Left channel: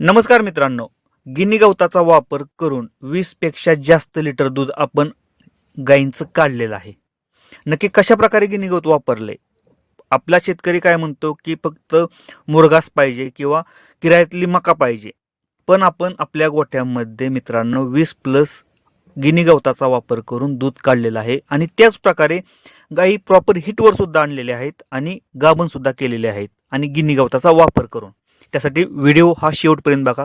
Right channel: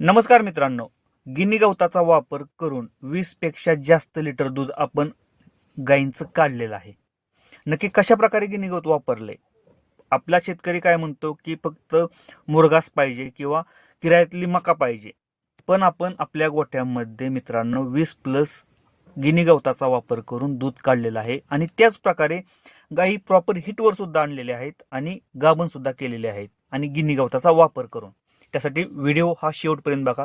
नमस्कार मित्रांनो, गिनी गवताचा वापर करून 20 पेक्षा जास्त लिटर दूध आपण गायींचं काढलेलं आहे. नक्की कशा प्रकारे गिनी गवत वापरले? आपला शेतकरी काय म्हणतो की फक्त मुरघास पाहिजे किंवा किरायातली मका पाहिजे. पण आपण आपल्या गोठ्यामध्ये मित्रांनो 20 प्लस गिनी गवताचा वापर करून दूध काढलेलं आहे आणि त्याच प्रकारे गायी प्रॉपर हिटवर सुद्धा आणलेले आहेत आणि गाभण सुद्धा केलेले आहेत आणि गिनी गवताचा वापर करून. त्यासाठी व्हिडिओ हा शेवटपर्यंत बघा.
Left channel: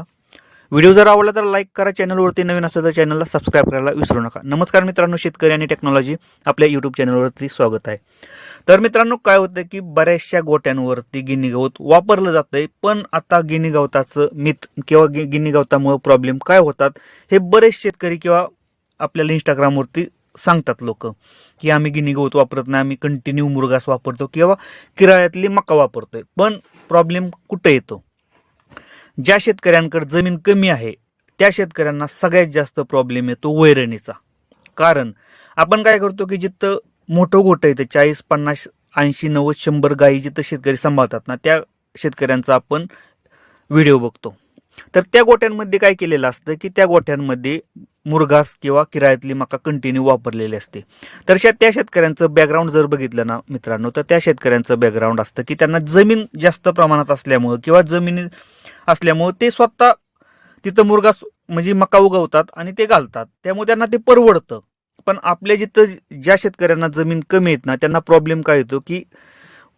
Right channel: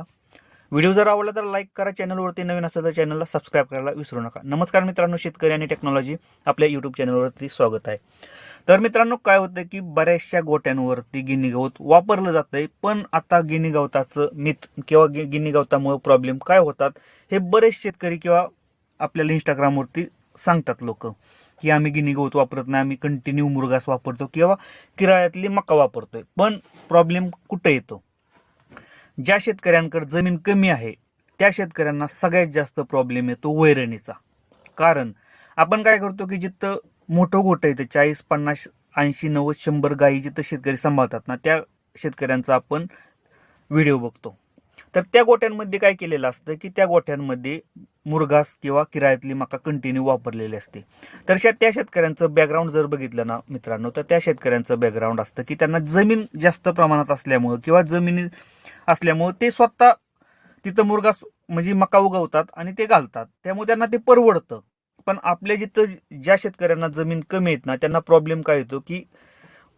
व्हिडिओ जर आवडला तर लाईक करा. चॅनलवरती नवीन असेल तर चॅनलला सबस्क्राईब करायला विसरू नका. नमस्कार मित्रांनो, शेतकरी आणि टेक्नॉलॉजी आपल्या यूट्यूब चॅनलवरती स्वागत आहे. तर मित्रांनो, काय होतं की बऱ्याचशा गोट्यांवरती गिनी गवत वापरलं जातंय, पण आता गिनी गवताचं मिथ किंवा गिनी गवतामुळे प्रॉब्लेम काय होतात हे बरेच शेतकरी किंवा आपल्याला इंस्टाग्रामवरती सांगतात लोक की आम्ही गिनी गवत वापरत नाही, आम्ही कंटिन्यू मुरघास वापरतो किंवा किरायातली मका वापरतोय. पण प्रॉब्लेम कुठे येतो? ज्या शेतकऱ्यांकडे जमीन कमी आहे त्या शेतकऱ्यांना सगळ्यात जास्त प्रॉब्लेम येतो वैरणीचा. कारण आपण काय करतो की जिथं मोठं गोठं येतं 40, 50, 80, 90, 100 गायी जिथं शेतकरी सांभाळतात ना, त्या शेतकऱ्यांचा आपण व्हिडिओ बघतो. तर त्या गोठ्यांमध्ये काय केलेलं असतं की त्या गोठ्यांमध्ये मुरघास किंवा किरायातली मका कंटिन्यू वापरलेली असते. तर त्या शेतकऱ्यांचं बॅकग्राऊंड जर बघितलं ना मित्रांनो, तर त्या शेतकऱ्यांचं बॅकग्राऊंड असतं की त्यांना जमीन जास्त प्रमाणात असल्यामुळं किंवा जमिनी असल्यामुळे ते स्वतः तिथं मुरघास म्हणजे मका उगवतात आणि ते घालतात, त्यामुळे त्यांना ते परवडतं. पण आपल्या जिथं ज्या शेतकऱ्यांना जमीन कमी येत ना, त्यांना प्रॉब्लेम काय येतो की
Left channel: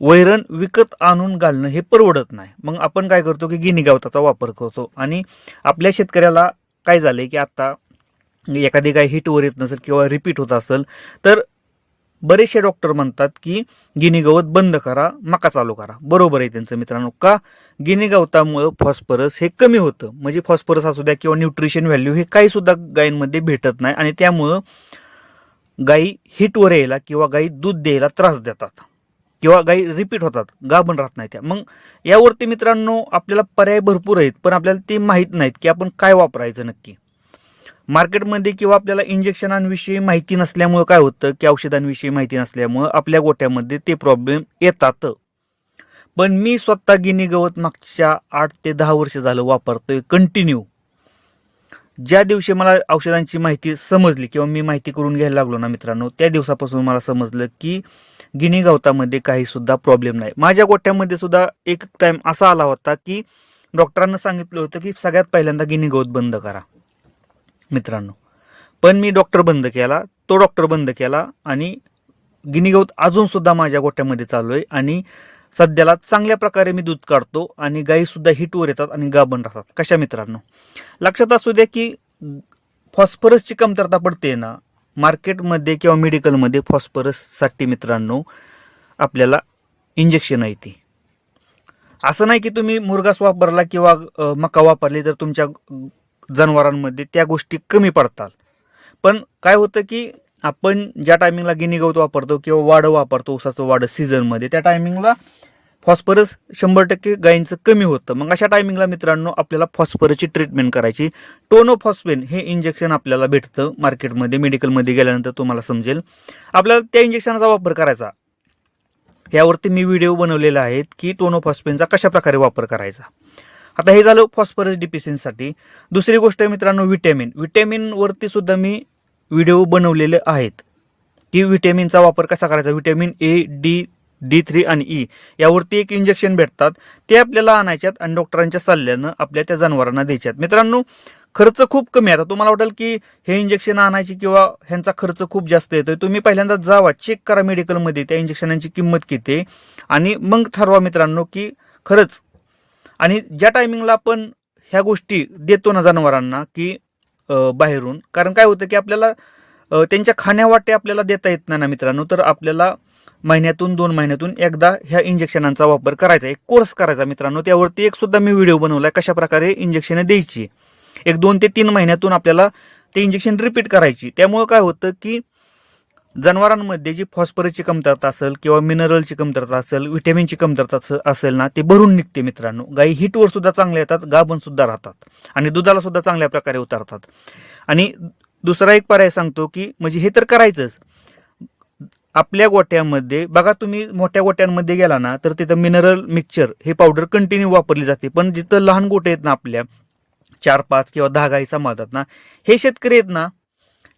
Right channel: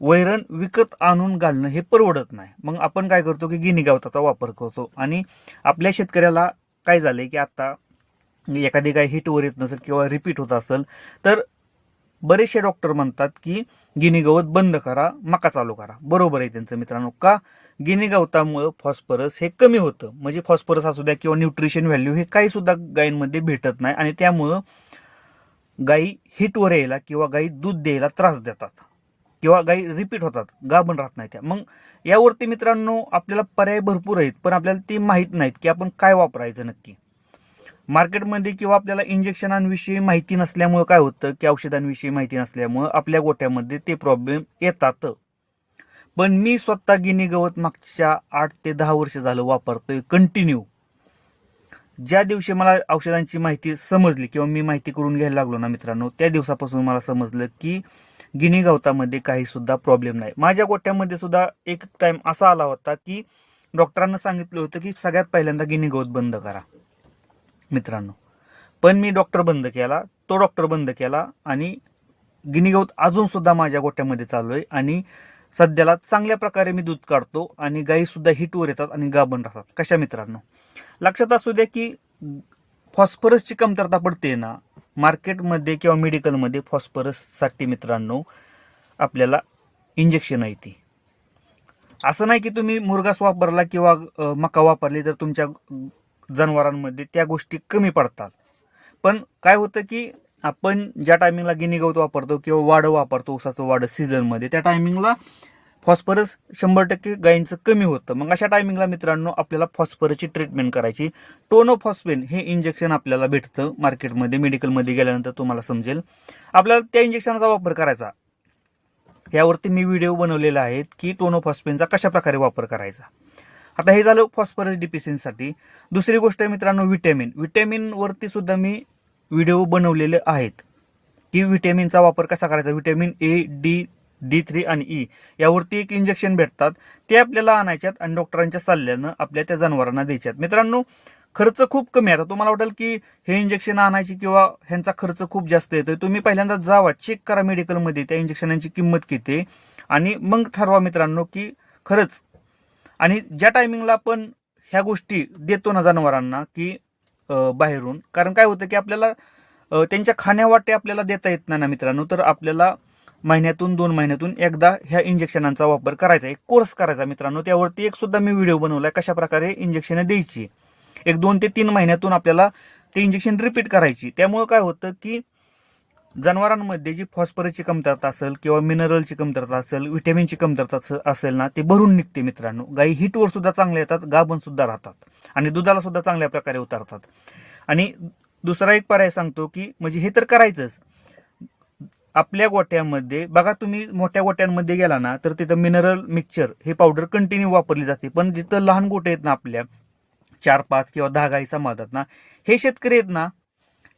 वैरण विकत आणून घालणं हे परवडत नाही. मग आपण काय करतो की गिनी गवताचा वापर करतो. आणि आपल्या शेतकऱ्याला काय झालंय की आता एखादी काय हिटवर येत नसेल किंवा रिपीट होत असेल तर बरेचसे डॉक्टर म्हणतात की गिनी गवत बंद करा, मका चालू करा. बरोबर आहे त्यांचं मित्रांनो. का? गिनी गवतामुळे फॉस्फरस हे कमी होतं. म्हणजे फॉस्फरस असू द्या किंवा न्यूट्रिशन व्हॅल्यू हे काही सुद्धा गायींमध्ये भेटत नाही आणि त्यामुळं गायी हिटवर यायला किंवा गायी दूध द्यायला त्रास देतात किंवा गायी रिपीट होतात, गाभण राहत नाही त्या. मग यावरती मित्रांनो आपल्याला पर्याय भरपूर आहेत, पण आपल्याला ते माहीत नाहीत की आपण काय वापरायचं नक्की. मार्केटमध्ये किंवा आपल्याला इंजेक्शनांविषयी माहिती नसल्यामुळे काय होतं की औषधांविषयी माहिती नसल्यामुळे आपल्या गोठ्यामध्ये ते प्रॉब्लेम येतात. पण मी स्वतः गिनी गवत मागच्या 8 ते 10 वर्ष झालं वापरतोय कंटिन्यू. ज्या दिवशी मला औषधांची माहिती समजली किंवा मी माहिती करून घ्यायला लागलो ना मित्रांनो, त्या दिवसापासून मला समजलं की गिनी गवतामध्ये काही सुद्धा प्रॉब्लेम नाही. माझ्या गोठ्यामध्ये सुद्धा एक टाइम असा आला होता की डॉक्टरांना सांगितलं होतं की सगळ्यात पहिल्यांदा गिनी गवत बंद करा मित्रांनो. पण मी डॉक्टर बंद केला, तो डॉक्टर बंद केला आणि गिनी गवत अजून सुद्धा माझ्या गोठ्यामध्ये चालू आहे आणि सध्याला चांगल्या प्रकारे मी दूध काढतो आणि गायी सुद्धा हिटवर येतात आणि गाभण राहतात. कशा मित्रांनो? लक्षात असू द्या की फॉस्फरसची कमतरता पडते ना मार्केटमध्ये किंवा मेडिकलमध्ये. फॉस्फरससाठी मित्रांनो आपल्याला इंजेक्शन आहे ती. असं नाही की तुम्ही मुरघास वापरला किंवा मका वापरली तर तुमच्या जनावरांमध्ये त्या गोष्टी कमी पडतात. पण काय होतं की आपण ज्या टायमिंगला गिनी गवत वापरतो किंवा वाढ वापरतो ऊसाचं वाढ सीझनमध्ये, त्या टायमिंगला फॉस्फरस 100% गायींचं कमी होतं. मग अशा टायमिंगला मित्रांनो आपल्याला फॉस्फरसची ट्रीटमेंट करायची. टोनोफॉस्फेन हे इंजेक्शन आपल्याला भेटतं मार्केटमध्ये, मेडिकलमध्ये गेल्यानंतर तुम्हाला समजेल. आपल्याला त्या इंजेक्शनचा वापर करायचा. यावरती मी व्हिडिओ बनवलेले आहेत की टोनोफॉस्फेनचा कशा प्रकारे वापर करायचा. आता हे झालं फॉस्फरस डिफिशियन्सीसाठी. दुसरी गोष्ट आहे मित्रांनो विटॅमिन वरती सुद्धा मी व्हिडिओ बनवलेले आहेत की विटॅमिनचा वापर कसा करायचा. विटॅमिन A, D3 आणि E यावरती एक इंजेक्शन भेटतात, ते आपल्याला आणायच्यात आणि डॉक्टरांच्या सल्ल्यानं आपल्या त्या जनावरांना द्यायच्यात. मित्रांनो खर्च खूप कमी आहे. आता तुम्हाला वाटेल की हे इंजेक्शन आणायची किंवा ह्यांचा खर्च खूप जास्त येतोय. तुम्ही पहिल्यांदा जावा, चेक करा मेडिकलमध्ये त्या इंजेक्शनांची किंमत किती आहे आणि मग ठरवा मित्रांनो की खरंच. आणि ज्या टायमिंगला आपण ह्या गोष्टी देतो ना जनावरांना की बाहेरून, कारण काय होतं की आपल्याला त्यांच्या खाण्यावाटे आपल्याला देता येत नाही ना मित्रांनो, तर आपल्याला महिन्यातून 2 महिन्यातून एकदा ह्या इंजेक्शनांचा वापर करायचा, एक कोर्स करायचा मित्रांनो. त्यावरती एक सुद्धा मी व्हिडिओ बनवलाय कशा प्रकारे इंजेक्शन द्यायची. एक 2 ते 3 महिन्यातून आपल्याला ते इंजेक्शन रिपीट करायची. त्यामुळे काय होतं की जनावरांमध्ये जी फॉस्फरसची कमतरता असेल किंवा मिनरलची कमतरता असेल, व्हिटॅमिनची कमतरता असेल ना, ते भरून निघते मित्रांनो. गायी हिटवर सुद्धा चांगल्या येतात, गाभण सुद्धा राहतात आणि दुधाला सुद्धा चांगल्या प्रकारे उतारतात. आणि दुसरा एक पर्याय सांगतो की म्हणजे हे तर करायचंच. आपल्या गोट्यामध्ये बघा, तुम्ही मोठ्या गोट्यांमध्ये गेला ना तर तिथं मिनरल मिक्सचर हे पावडर कंटिन्यू वापरली जाते. पण जिथं लहान गोटे आहेत ना आपल्या, 4-5 किंवा 10 गाई सांभाळतात ना, हे शेतकरी आहेत ना,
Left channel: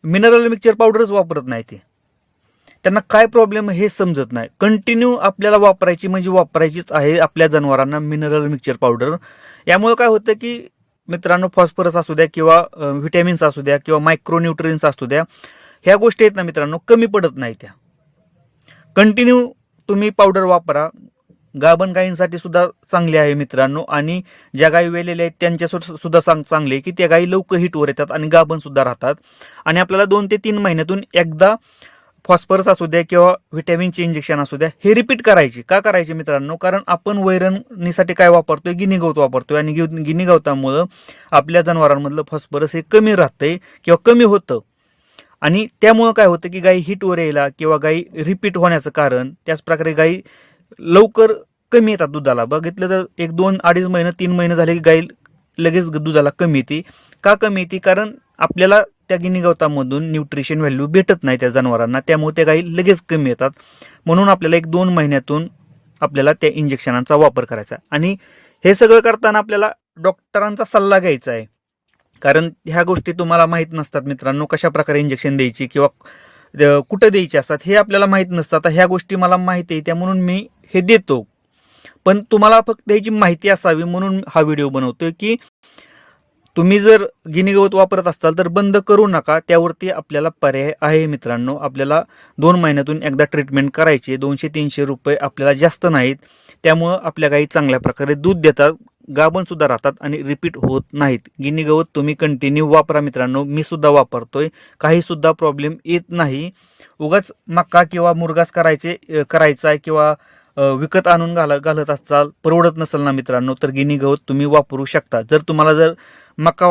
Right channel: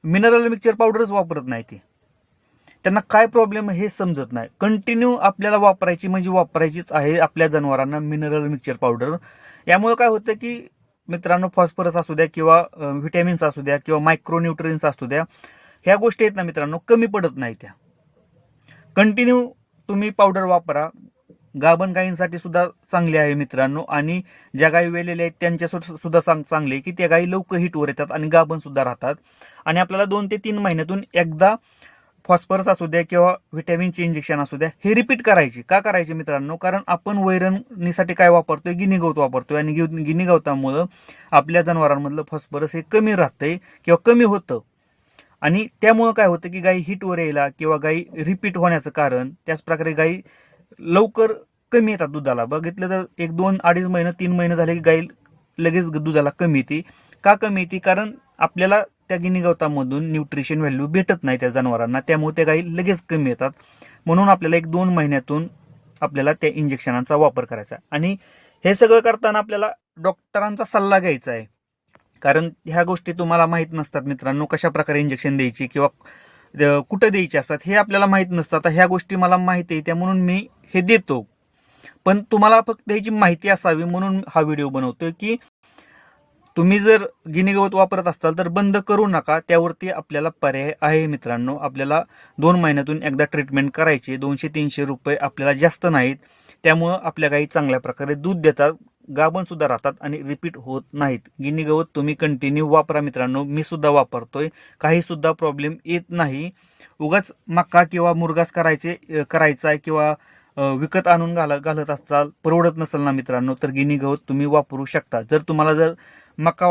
मिनरल मिक्सचर पावडरच वापरत नाही ते. त्यांना काय प्रॉब्लेम हे समजत नाही. कंटिन्यू आपल्याला वापरायची म्हणजे वापरायचीच आहे आपल्या जनावरांना मिनरल मिक्सचर पावडर. यामुळे काय होतं की मित्रांनो, फॉस्फरस असू द्या किंवा व्हिटॅमिन्स असू द्या किंवा मायक्रोन्यूट्रियन्स असू द्या, ह्या गोष्टी आहेत ना मित्रांनो, कमी पडत नाही त्या. कंटिन्यू तुम्ही पावडर वापरा. गाभण गायींसाठी सुद्धा चांगली आहे मित्रांनो, आणि ज्या गायी वेलेल्या आहेत त्यांच्या सुद्धा चांगले, की त्या गायी लवकर हिटवर येतात आणि गाभण सुद्धा राहतात. आणि आपल्याला 2 ते 3 महिन्यातून एकदा फॉस्फरस असू द्या किंवा व्हिटॅमिनचे इंजेक्शन असू द्या हे रिपीट करायचे. का करायचे मित्रांनो? कारण आपण वैरणीसाठी काय वापरतोय? गिनी गवत वापरतोय, आणि गिनी गवतामुळं आपल्या जनावरांमधलं फॉस्फरस हे कमी राहतंय किंवा कमी होतं. आणि त्यामुळं काय होतं की गायी हिटवर यायला किंवा गायी रिपीट होण्याचं कारण, त्याचप्रकारे गायी लवकर कमी येतात दुधाला. बघितलं तर 1-2-2.5 महिने 3 महिने झाले की गायी लगेच दुधाला कमी येते. का कमी येते? कारण आपल्याला त्या गिनी गवतामधून न्यूट्रिशन व्हॅल्यू भेटत नाही त्या जनावरांना, त्यामुळे त्या गायी लगेच कमी येतात. म्हणून आपल्याला 1-2 महिन्यातून आपल्याला त्या इंजेक्शनांचा वापर करायचा. आणि हे सगळं करताना आपल्याला डॉक्टरांचा सल्ला घ्यायचा आहे, कारण ह्या गोष्टी तुम्हाला माहीत नसतात मित्रांनो. कशा प्रकारे इंजेक्शन द्यायची किंवा कुठं द्यायची असतात हे आपल्याला माहीत नसतं. आता ह्या गोष्टी मला माहिती आहे, त्या म्हणून मी हे देतो. पण तुम्हाला फक्त ह्याची माहिती असावी म्हणून हा व्हिडिओ बनवतोय, की तुम्ही जर गिनी गवत वापरत असाल तर बंद करू नका. त्यावरती आपल्याला पर्याय आहे मित्रांनो. आपल्याला 2 महिन्यातून एकदा ट्रीटमेंट करायची. 200-300 रुपये आपल्याला जास्त नाहीत. त्यामुळं आपल्या गायी चांगल्या प्रकारे दूध देतात, गाभण सुद्धा राहतात आणि रिपीट होत नाहीत. गिनी गवत तुम्ही कंटिन्यू वापरा मित्रांनो. मी सुद्धा वापरतोय, काही सुद्धा प्रॉब्लेम येत नाही. उगाच मका किंवा मुरगास करायचा आहे किंवा विकत आणून घालत असाल, परवडत नसेल ना मित्रांनो, तर गिनी गवत तुम्ही वापरू शकता. जर मका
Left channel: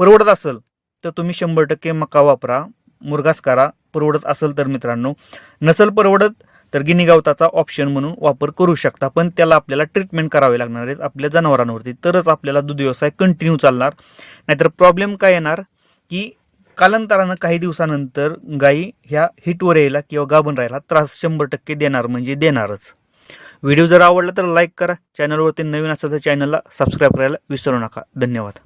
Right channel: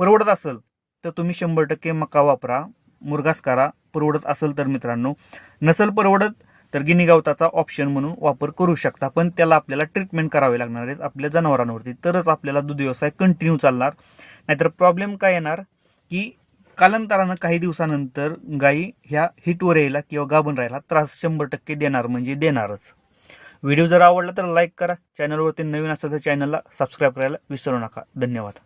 परवडत असेल तर तुम्ही 100% मका वापरा, मुरगास करा, परवडत असेल तर मित्रांनो. नसेल परवडत तर गिनी गवताचा ऑप्शन म्हणून वापर करू शकता. पण त्याला आपल्याला ट्रीटमेंट करावे लागणार आहेत आपल्या जनावरांवरती, तरच आपल्याला दूध व्यवसाय कंटिन्यू चालणार. नाहीतर प्रॉब्लेम काय येणार की कालांतरानं काही दिवसानंतर गायी ह्या हिटवर यायला किंवा गाभण राहायला त्रास 100% देणार म्हणजे देणारच. व्हिडिओ जर आवडला तर लाईक करा. चॅनलवरती नवीन असेल तर चॅनलला सबस्क्राईब करायला विसरू नका. धन्यवाद.